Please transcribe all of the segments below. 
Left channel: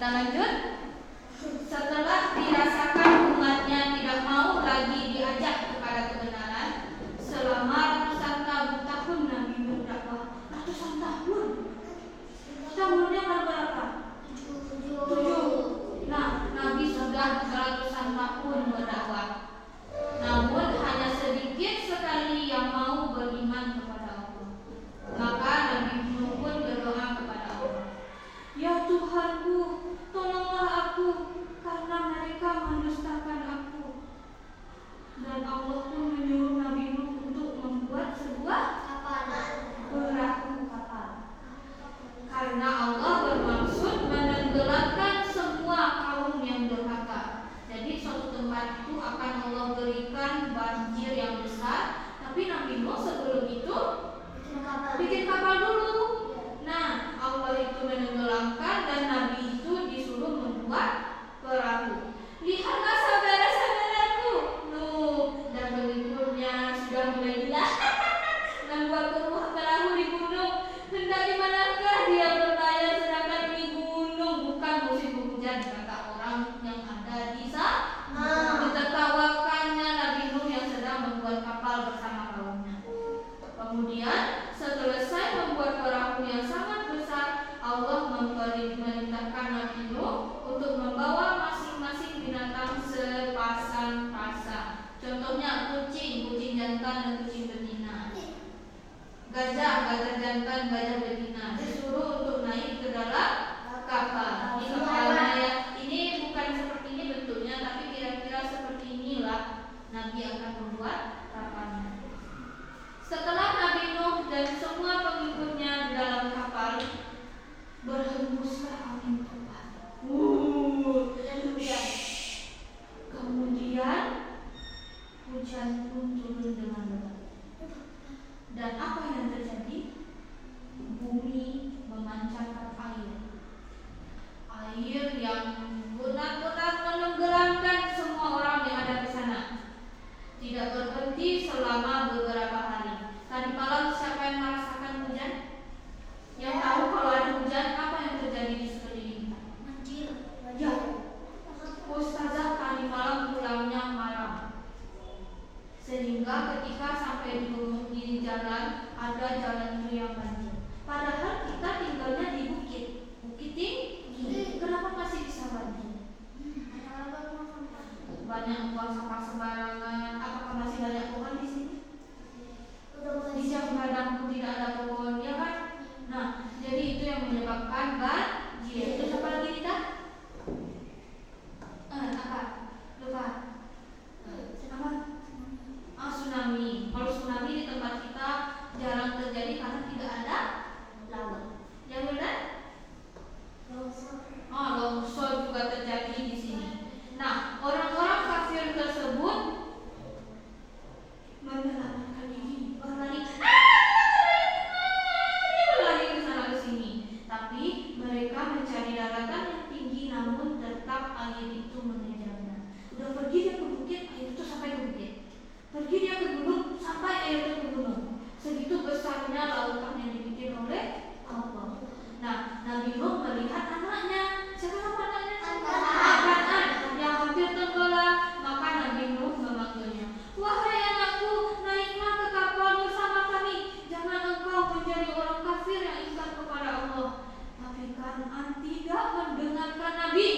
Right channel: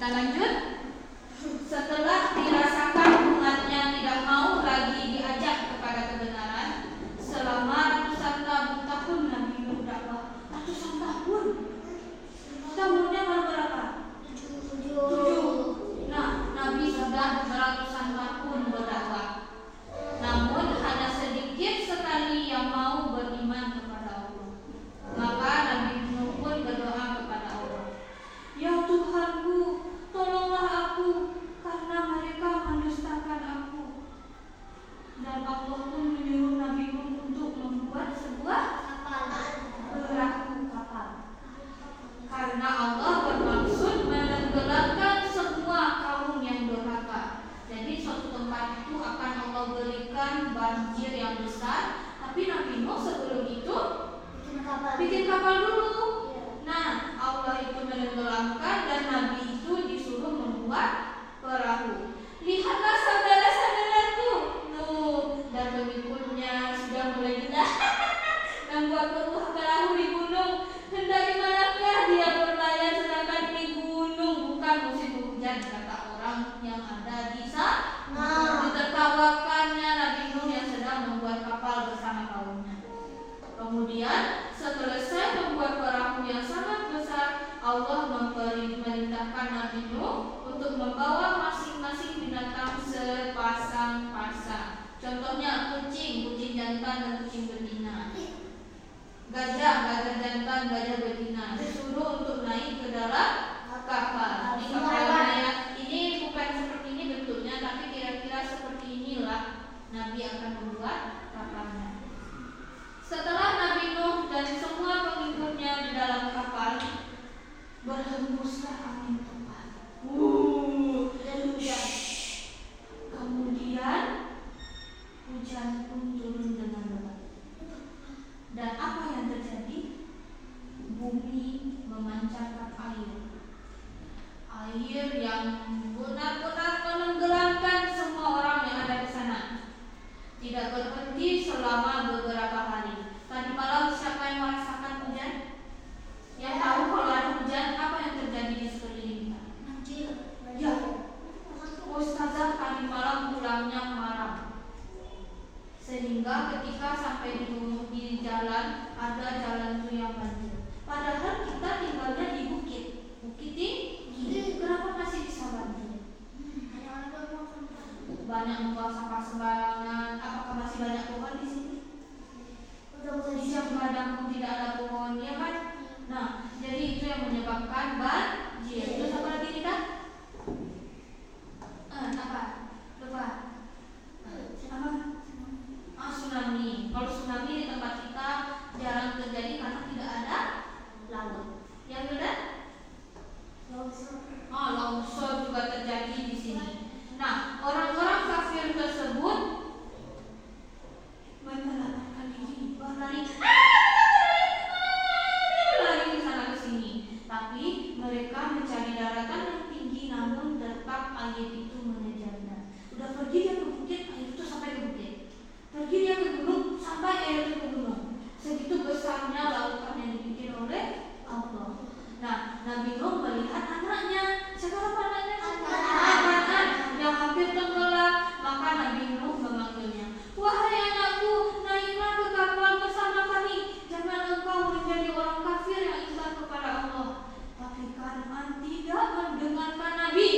Kita lanjut. Setelah dirasakan umatnya tidak mau lagi diajak kepada kebenaran, selama ratusan tahun Nabi berdakwah. Ratusan tahun. Tahunnya berapa? 7. Nah, Nabi sudah ratusan tahun berdakwah. Namun hanya sedikit sekali yang mau beriman kepada Allah. Maka Nabi Nuh pun berdoa kepada Allah, "Ya Tuhanku, tolonglah aku karena mereka mendustakan aku." Dan Allah pun menyuruh Nabi Nuh untuk membuat sebuah perahu kapal. Karena Allah bermaksud menenggelamkan semua kaum yang durhaka. Jadi suatu tempat itu akan Allah berikan banjir yang besar, tapi Nabi Nuh sebelum itu bikin kapal dulu. Nah, Allah itu menenggelamkan dan Nabi itu disuruh membuat perahu. Lihatlah saudara-saudaraku, Nuh dan pengikutnya sudah mulai membuat perahu di gunung. Hendak dimanakah dia berlayar sedangkan ini gunung bukan musim hujan, kata orang yang ada di sana. Ditertawakannya Nabi Nuh yang sedang membuat kapal bersama kaumnya. Kemudian selesai membuat perahu yang sangat besar, Allah memerintahkan Nabi Nuh untuk membawa masing-masing binatang sepasang-pasang. Contohnya kucing jantan dan kucing betina. Gajah jantan, gajah betina disuruh untuk naik ke dalam kapal. Ini kapalnya ya. Ini bukan seperti ini bentuknya, tapi kira-kira seperti inilah Nabi akan membuat kapalnya. Setelah Nabi Nuh dan semua pengikutnya di dalam kapal, berhembuslah angin kencang. Dan hujan. Kemudian hujan pun turun dengan lebat. Dan apa yang terjadi? Bumi memancarkan air. Air yang benar-benar menenggelamkan semua orang yang ada di sana. Tidak berhenti selama beberapa hari. Tadi malam siapa yang merasakan hujan? Yang tahu kalau ada hujan, apa yang terjadi di sekeliling kita? Banjir. Ya. Ustazah tadi malam pulangnya malam. Sehingga ketika sampai di jalan, ada jalan itu yang banjir. Padahal kita tinggalnya di bukit tinggi. Kenapa masih bisa banjir? Banyak buang sampah sembarangan. Apakah masih banyak pohon di sini? Di jam padang pun tidak ada pohon, ya kan? Nah, jadi itu yang menyebabkan banjir. Itu seperti kita. Apa? Lupa. Apa? Tsunami. Kalau tsunami di tempat kita jarang terjadi karena tidak ada laut. Yang benar? Longsor juga terjadi di sini. Nah, orang-orang kafir tersebut menyelamatkan diri, berlari ke sana ke sini. Tapi mereka mencari daratan yang tinggi, namun tetap air itu mengejarnya. Udah pergi dia ke bukit, air itu sampai ke bukit. Pergi dia ke gunung, sampai air itu ke gunung. Segitu besarnya lautan yang dibikin oleh Allah. Nah, Nabi Nuh melihat anaknya. Siapa nama anaknya? Kan'an yang hampir tenggelam. Maka Nabi Nuh memanggilnya, "Wahai anakku, naiklah ke kapal bersama kami. Jangan engkau menjadi orang kafir yang ingkar kepada Allah." Tapi Kan'an tidak mendengarkan Nabi.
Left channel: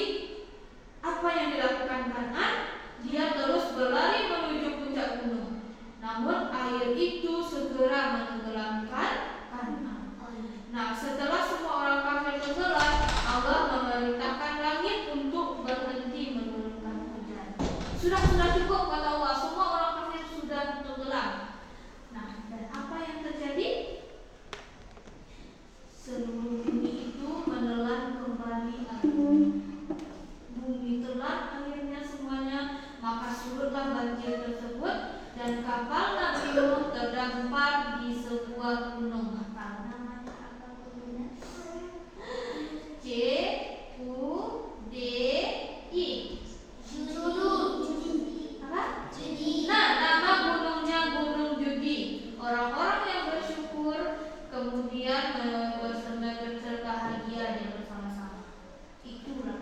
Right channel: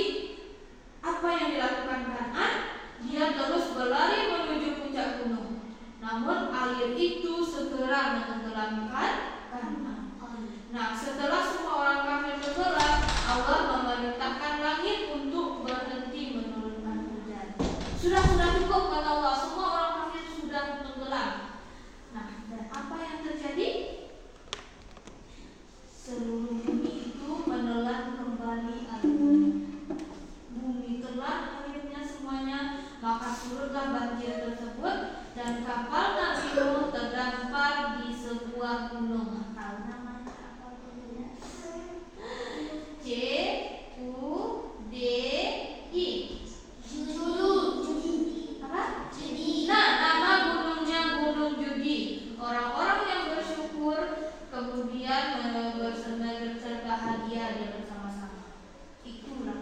Apa yang dilakukan Kan'an? Dia terus berlari menuju puncak gunung. Namun air itu segera menenggelamkan Kan'an. Nah, setelah semua orang kafir tenggelam, Allah memerintahkan langit untuk berhenti menurunkan hujan. Sudah cukup kata Allah, semua orang kafir sudah tenggelam. Nah, dan apa yang terjadi? Seluruh bumi itu menelan kembali air. Bumi telan akhirnya semuanya, maka surutlah banjir tersebut dan kapal Nabi Nuh terdampar di sebuah gunung. Judi. Apa? Judi. Nah, nama gunungnya Gunung Judi. Orang-orang yang bersyukur kemudian berbahagia dia bersama-sama. Itulah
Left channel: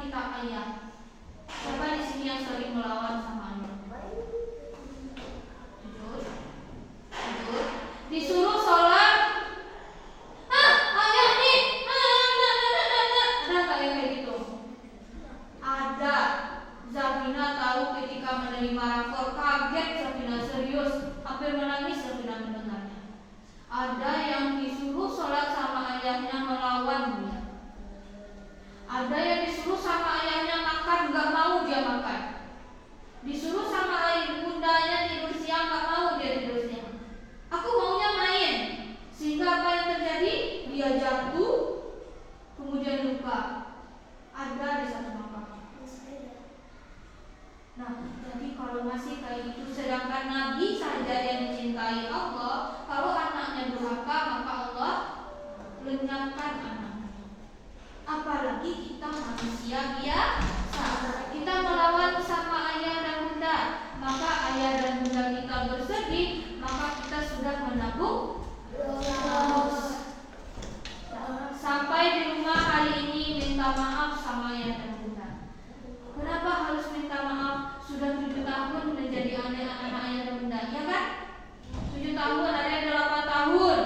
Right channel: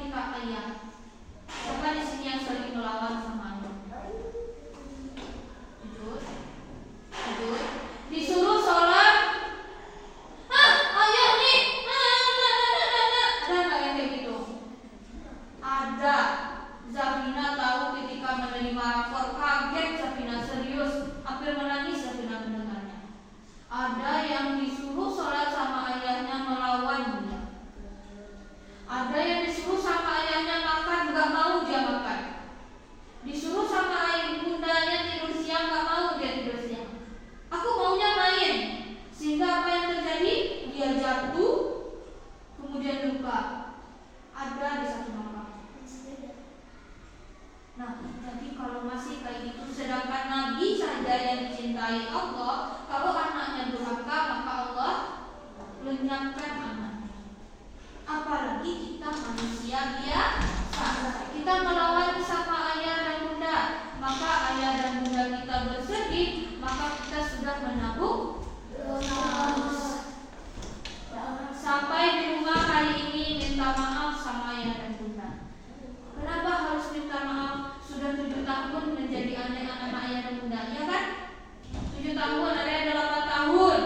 kita ayah. Siapa di sini yang sering melawan sama ayah? Jujur. Disuruh sholat, ayah nih, ada nggak yang kayak gitu? Ada. Zabina tahu ketika menerima rapor, kaget Zabina, serius, hampir menangis Zabina mendengarnya. Ada yang disuruh sholat sama ayahnya melawan dia. Ada yang disuruh sama ayahnya makan, nggak mau dia makan. Disuruh sama ayah bundanya tidur siang, nggak mau dia tidur siang. Aku maunya main. Sehingga apa yang terjadi? Dia jatuh, kemudian luka. Ada di satu makam. Nah, jadi kalau masih kayak itu, sedangkan Nabi saja yang dicintai Allah, kalau anaknya durhaka maka Allah lenyapkan anaknya. Apalagi kita manusia biasa, kita melawan sama ayah dan bunda, maka ayah dan bunda kita bersedih, maka kita sudah menabung dosa. Sampai di rumah kali ini minta maaf sama ayah dan bunda. Kenapa harus minta maaf? Sudah 7 tahun menjadi anak ayah dan bunda, ya kan? 7 tahun, ada yang 8 tahun.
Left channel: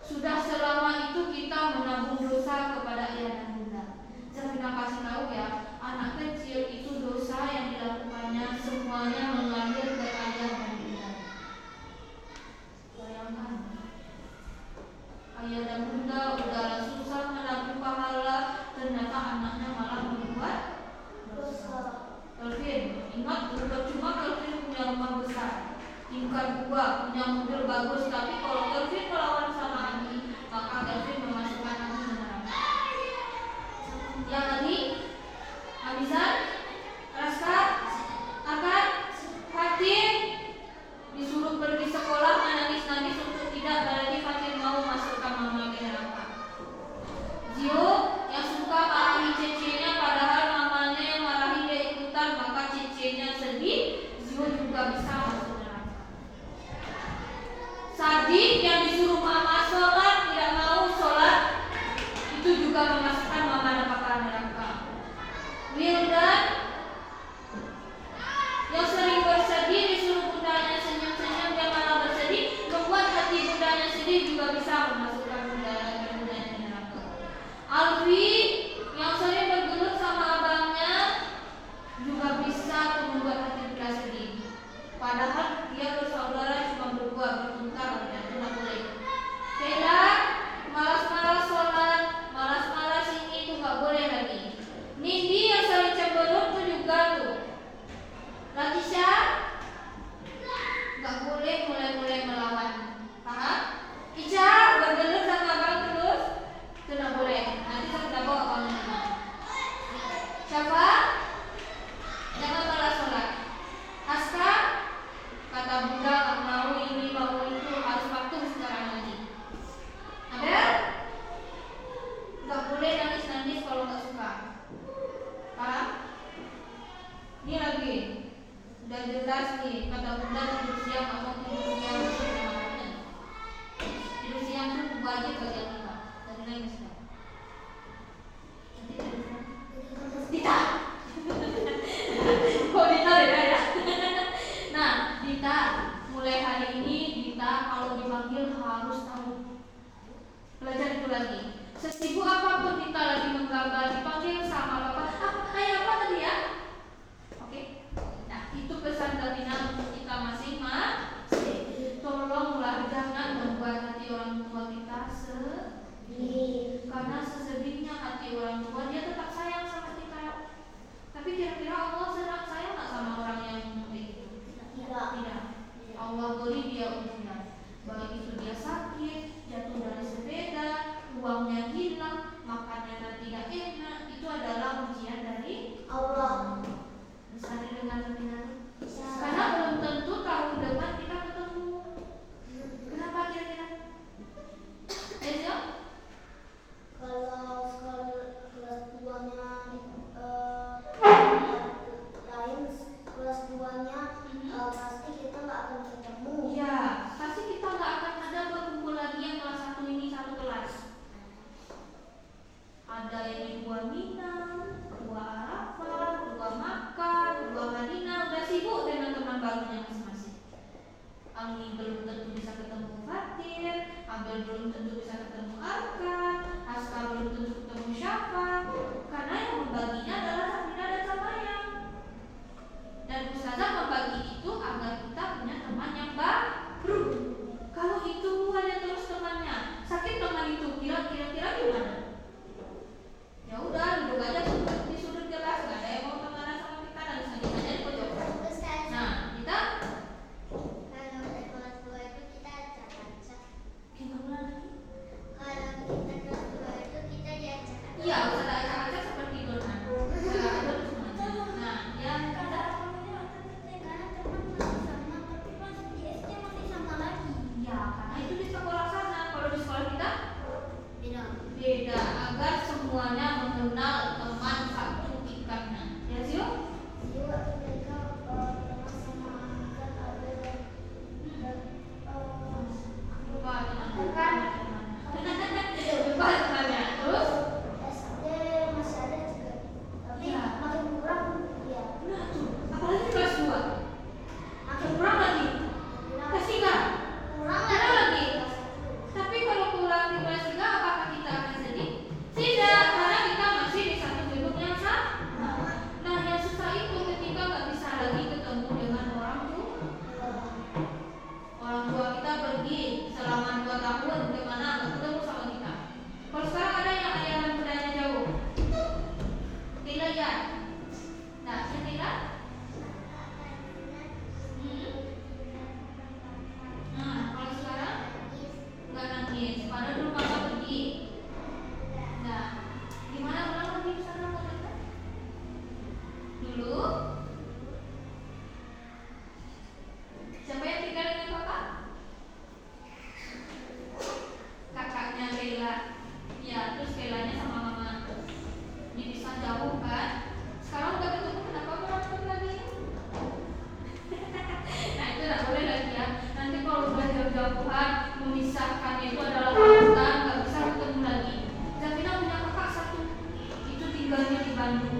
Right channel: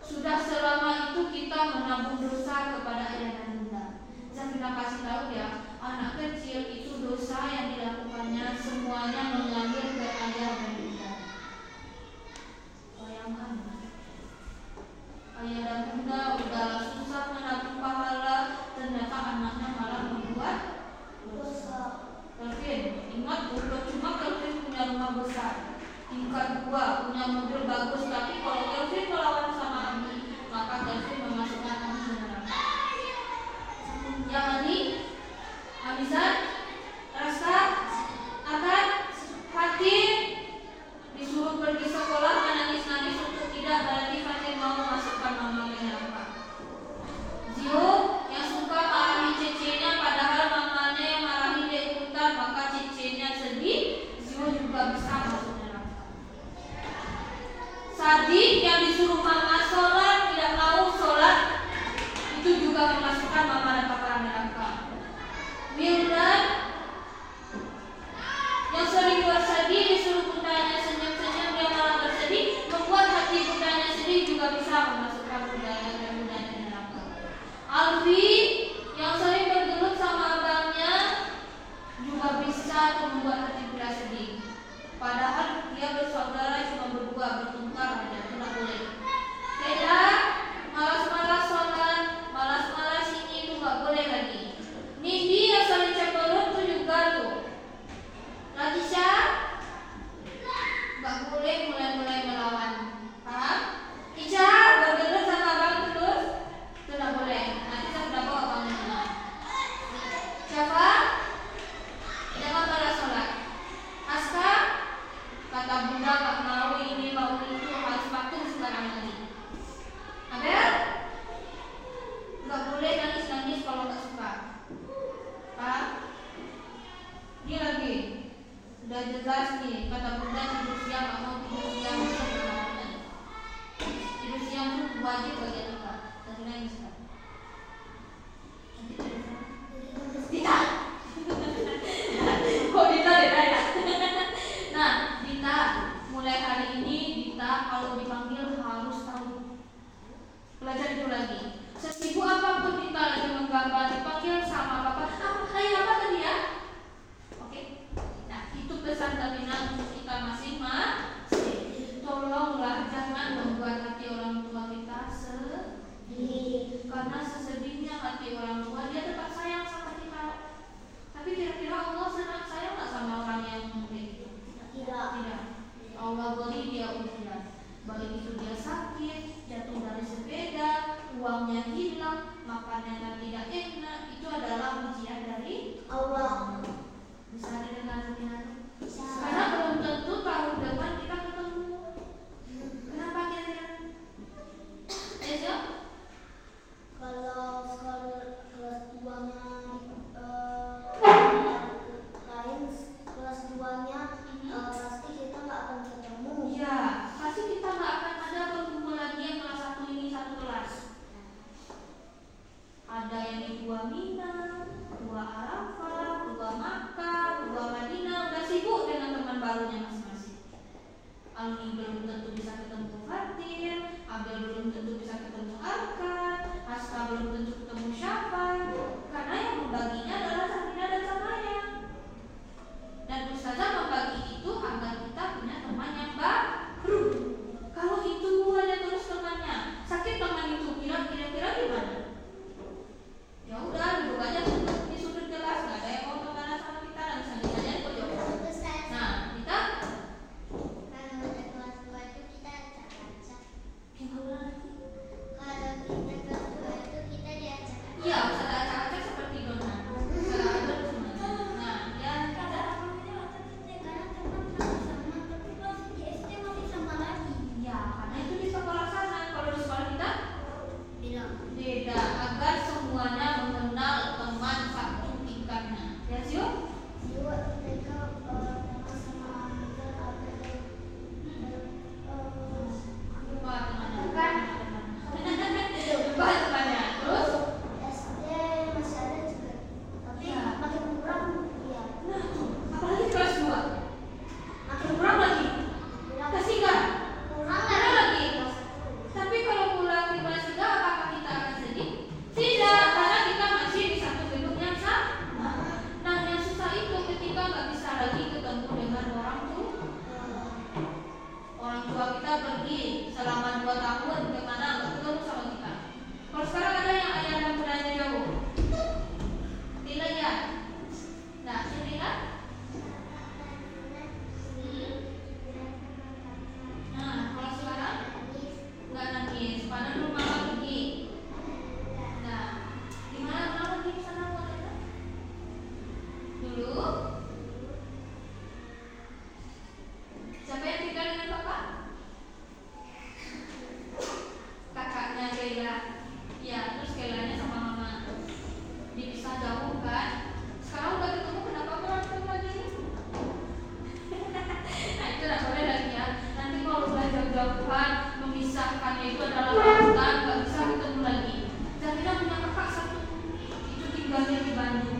Sudah selama itu kita menabung dosa kepada ayah dan bunda. Zabina kasih tahu ya, anak kecil itu dosa yang dilakukannya semuanya mengalir ke ayah dan bunda. Bayangkan, ayah dan bunda udahlah susah menabung pahala, ternyata anaknya malah membuat dosa. Kelvin, ingat percuma Kelvin punya rumah besar, tingkat 2, punya mobil bagus, tapi kalau Kelvin melawan sama Ani, maka Kelvin memasukkan Ani ke neraka. Yang Ani, Amizan, Raska, Akan, Fatin disuruh pergi sekolah menangis-nangis untuk tidak berarti Fatin mau memasukkan mama ke neraka. Zio yang suka marahi cecenya padahal mamanya yang marahi dia ikutan, maka cecenya sedih, Zio juga bisa masuk neraka. Sadi yang disuruh mama sholat tidak mau sholat, itu juga memasukkan mama ke neraka. Wildan yang sering bersedih disuruh bundanya senyum-senyum, dia malah bersedih, membuat hati bundanya sedih, juga bisa memasukkan bundanya ke neraka. Alfi yang sering bergelut sama abangnya juga bisa membuat hati bunda sedih. Padahal dia bersaudara cuma berdua, bertengkar aja, itu nggak boleh. Kayla malas-malas sholat, malas-malas ini, itu nggak boleh lagi. Nindi yang sering cemberut tuh juga tuh. Latisha nggak boleh mulai-mulai melawan, paham? Ica bergelut sama abang terus, itu nggak boleh. Nanti saya sudah bawa abangnya. Siapa? Jangan malas sholat. Aska kata bunda nggak mau ini mau itu, harus patuh sekarang lagi. Abel nggak boleh nangis-nangis kalau nggak suka. Paham? Ini lagi udah jelas nih, kata bunda tidur siang nggak mau tidur siang, tidur siang itu wajib bagi kita. Dan nangis kan? Nanti Dita. Kok Dita beda ya? Nah, Dita mulai hari ini Dita kalau dipanggil harus tahu. Belajar itu lagi. Sesibuk apapun Dita lagi menggambar, dipanggil sama bapak, ayo apa tadi ya? Oke. Nah, itu pesan Zabina untuk kita masing-masing. Tolonglah jangan membuat hati orang tua kita sedih. Karena sesedihnya hati orang tua, dia tetap sayang sama kita. Tapi kira-kira Allah sayang nggak sama orang yang begitu? Tidak. Allah beri dia ujian. Baik itu dia sakit, jatuh dari sepeda, uangnya hilang, makanannya tidak enak, itu adalah ujian dari Allah. Bisa didengar Zabina? Karena belum tentu tahun depan kita ketemu. Kenapa kira-kira? Ayo. Kalau kelas 2-nya lain, kelas 2-nya pasti kita nggak akan ketemu. Ya, pasti kita nggak akan ada berkumpul lagi yang kelas 1 ini satu kelas. Ada yang di Buah Minang, 2 keduanya mengenal teman satu tingkatnya. Ya, Zio? Mereka sama-sama kan ada dan Lupa temannya. Bukan. Lupa temannya. Terus? SD masih ada juga, tapi Ya. makin kurang ya. Nah tuh, apalagi kelas 2. Makin kurang lagi. Kasih nggak? Kurang Kurang lagi. Kelas Tapi kalau pulang ke kelas 3, apakah kita akan sedih? Tidak, karena kita masih di satu gedung yang sama. Nah, yang susah itu ketika nggak bisa lagi ketemu dengan orang tua. Orang tua kita pergi selama 2 tahun kemana nggak ketemu sama kita. Kalau sekarang ada yang ayah dan bundanya jauh, bila ya, nah sedih kan? Nah, kalau sekarang nggak nangis, padahal dulu mama pergi. Nah, gimana orang pergi ke sana mau datang? Dulu, siapa yang tinggal dengan bapak? Kakaknya Kayla. Ya, terus Kaylanya sama mama dipisah jauh kan? Sekarang udah ketemu, kenapa berantem lagi? Nah, itu nggak boleh lagi ya. Nanti kalau udah jauh-jauhan, memisahkannya itu adalah lautan, nggak bisa ketemu lagi. Davina punya kakak satu, itu tinggalnya di Bandung.